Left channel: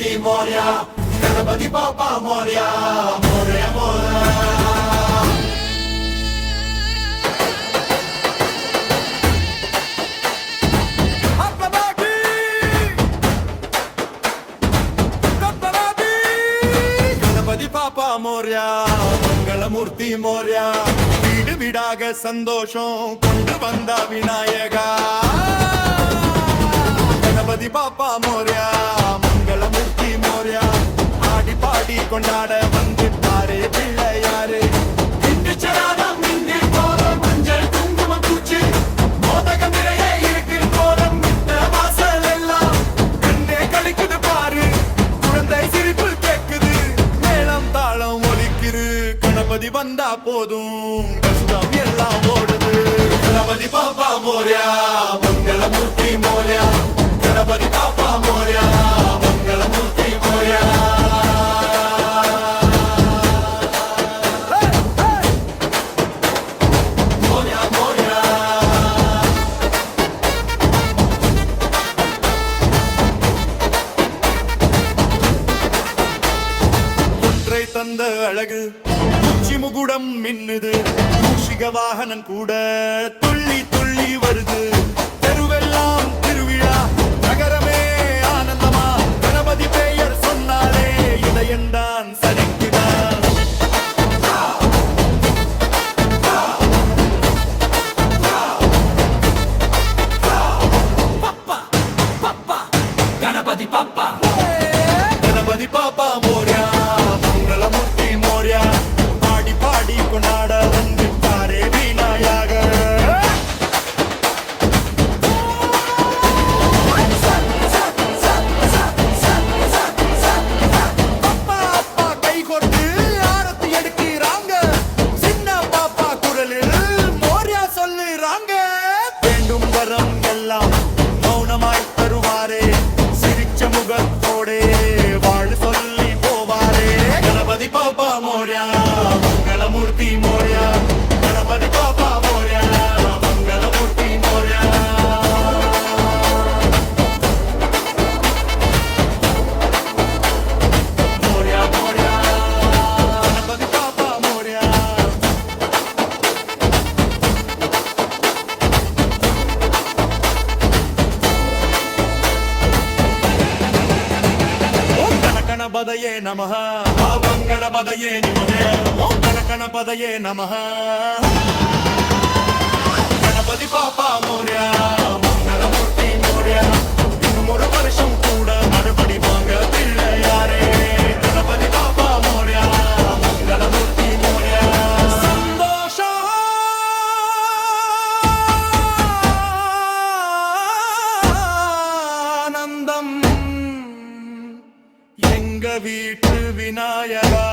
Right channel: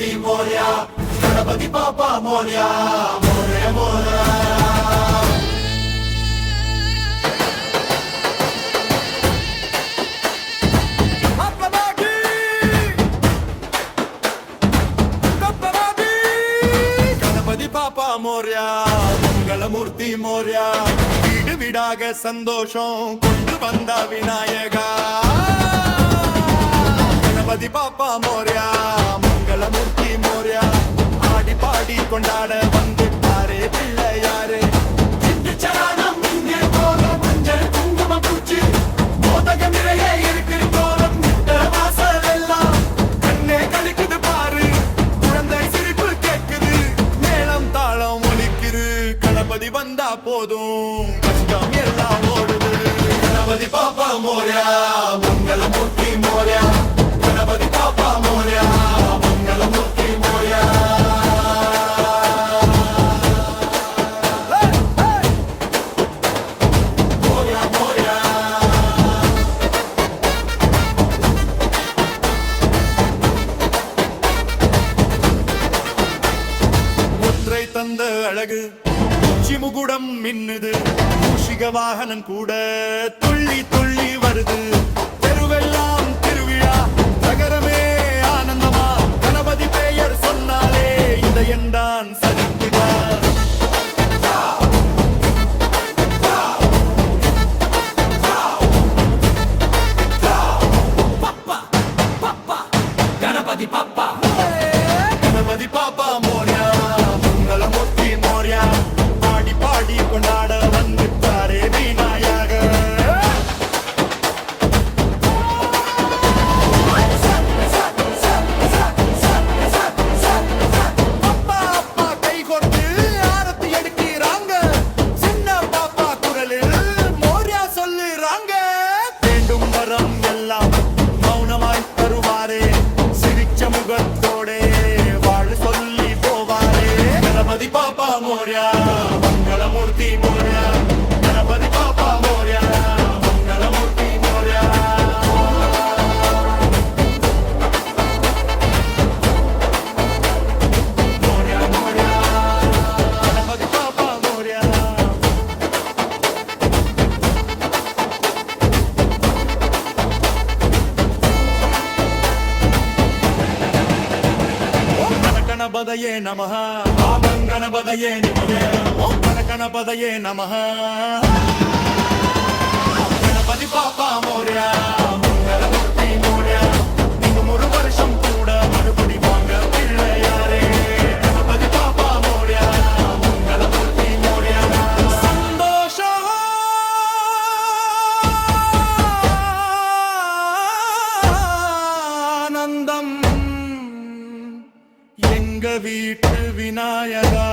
मंगलमूर्ति मोरया गणपति बाप्पा मोरया मोरया मोरया गणपति बाप्पा मोरया मंगलमूर्ति मोरया வீடு வீடாக சந்தோஷம் கொண்டு வந்த விநாயகா கணபதி பாப்பா மோர்யா மங்களமூர்த்தி மோர்யா ஆடி பாடி கொண்டாட வந்துட்டாரே பிள்ளையாரே இன்று சரணம் இன்று கோலம் மஞ்சள் குங்குமம் பூச்சி மோதகம் நிறைய இருக்கிற கோலம் மிட்ட வாசல் எல்லாம் கண்ணே கழிக்குது பாரு குழந்தை சிரிப்பு கேக்குது மேளம் தாளம் ஒலிக்குது கணபதி வந்தா போதும் கஷ்டம் எல்லாம் ஓடுது கணபதி பாப்பா மோர்யா மங்களமூர்த்தி மோர்யா गणपति बाप्पा मोरया मंगलमूर्ति मोरया मोरया मोरया ஒற்றை தந்த அழகு உச்சி முகுடம் மின்னுது மூஷிக வாகனம் கூட துள்ளி துள்ளி வருது தெருவெல்லாம் திருவிழா நகரமே ஆனந்தமா கணபதி பெயர் சொன்னாலே இதயந்தான் சதிக்குதா பப்பா பப்பா கணபதி பப்பா கணபதி பாப்பா மோர்யா மங்களமூர்த்தி மோர்யா பாடி பாடி கொண்டாட வந்துட்டாரே விநாயகர் வரம் எல்லாம் மௌனமாய் தருவாரே சிரிச்ச முகத்தோடே வாழ் சொல்லி போவாரே கணபதி பாப்பா மோர்யா மங்களமூர்த்தி மோர்யா கணபதி பாப்பா மோர்யா மங்களமூர்த்தி மோர்யா மோர்யா மோர்யா கணபதி பாப்பா மோர்யா गणपतये नमः ओम गणपतये निमुगे ओम गणपतये नमः गणपति पापा मोरया मंगलमूर्ति मोरया இன்னும் ஒரு வருஷம் கூட மறுபடி வாங்க பிள்ளையாரே गणपति पापा मोरया मंगलमूर्ति मोरया சந்தோஷம் ஆனந்தம் எங்க வீட்டு விநாயகா